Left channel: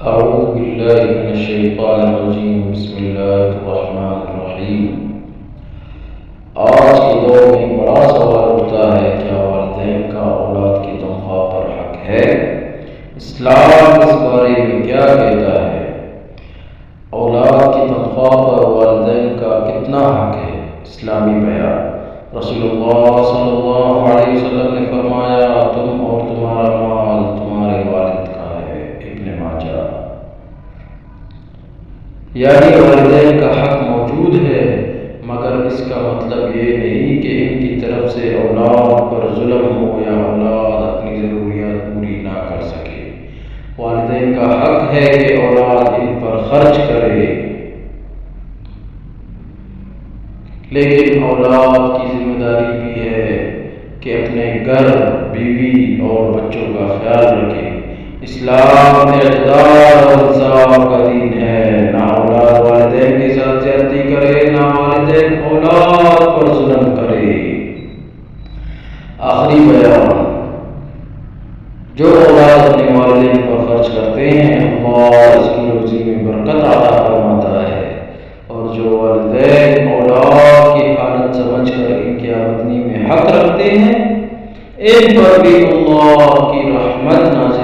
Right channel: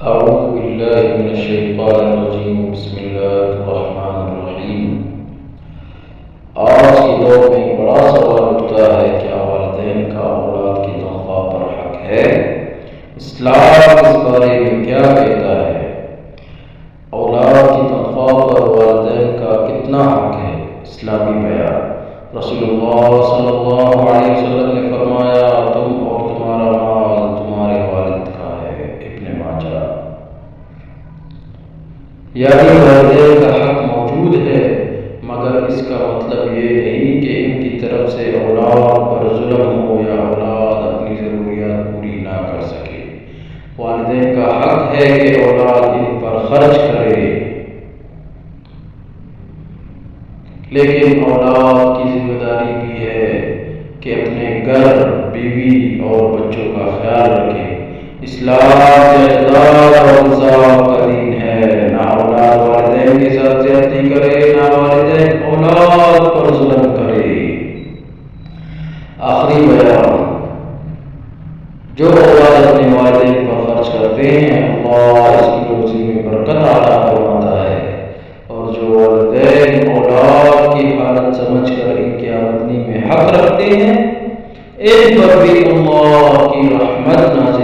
اعوذ باللہ من الشیطان الرجیم بسم اللہ الرحمن الرحیم۔ آج کے دور میں ایک بڑا سوال اٹھتا ہے، کیا والدین کا اولاد کی تنخواہ پر حق ہے؟ اسلام اس بارے میں کیا کہتا ہے؟ اولاد کی تنخواہ پر والدین کا کتنا حق ہے؟ اسلامی بیان۔ رسول اللہ صلی اللہ علیہ وسلم نے فرمایا، تم اور تمہارا مال تمہارے والد کا ہے۔ ابن ماجہ۔ یعنی والدین کا حق موجود ہے، مگر اس کا مطلب یہ نہیں کہ ان کی طرف سے اولاد پر ظلم ہو یا اولاد اپنی ضروریات پوری نہ کر سکے۔ والدین کا حق ہے کہ اولاد ان پر خرچ کرے، لیکن اولاد کی ذمہ داری بھی ہے کہ اپنے گھر، بیوی اور بچوں کا خیال رکھے۔ اسلام اعتدال اور انصاف کا دین ہے، نہ اولاد والدین کے ساتھ زیادتی کرے، نہ والدین اولاد پر ظلم کرے۔ آخری بیان۔ جو اولاد اپنے والدین پر خرچ کرتے ہیں، اللہ اس کی روزی میں برکت عطا فرماتا ہے، اور جو والدین اولاد کی حالت سمجھ کر ان کی آمدنی میں حق رکھتے ہیں، ان پر بھی اللہ کی رحمت نازل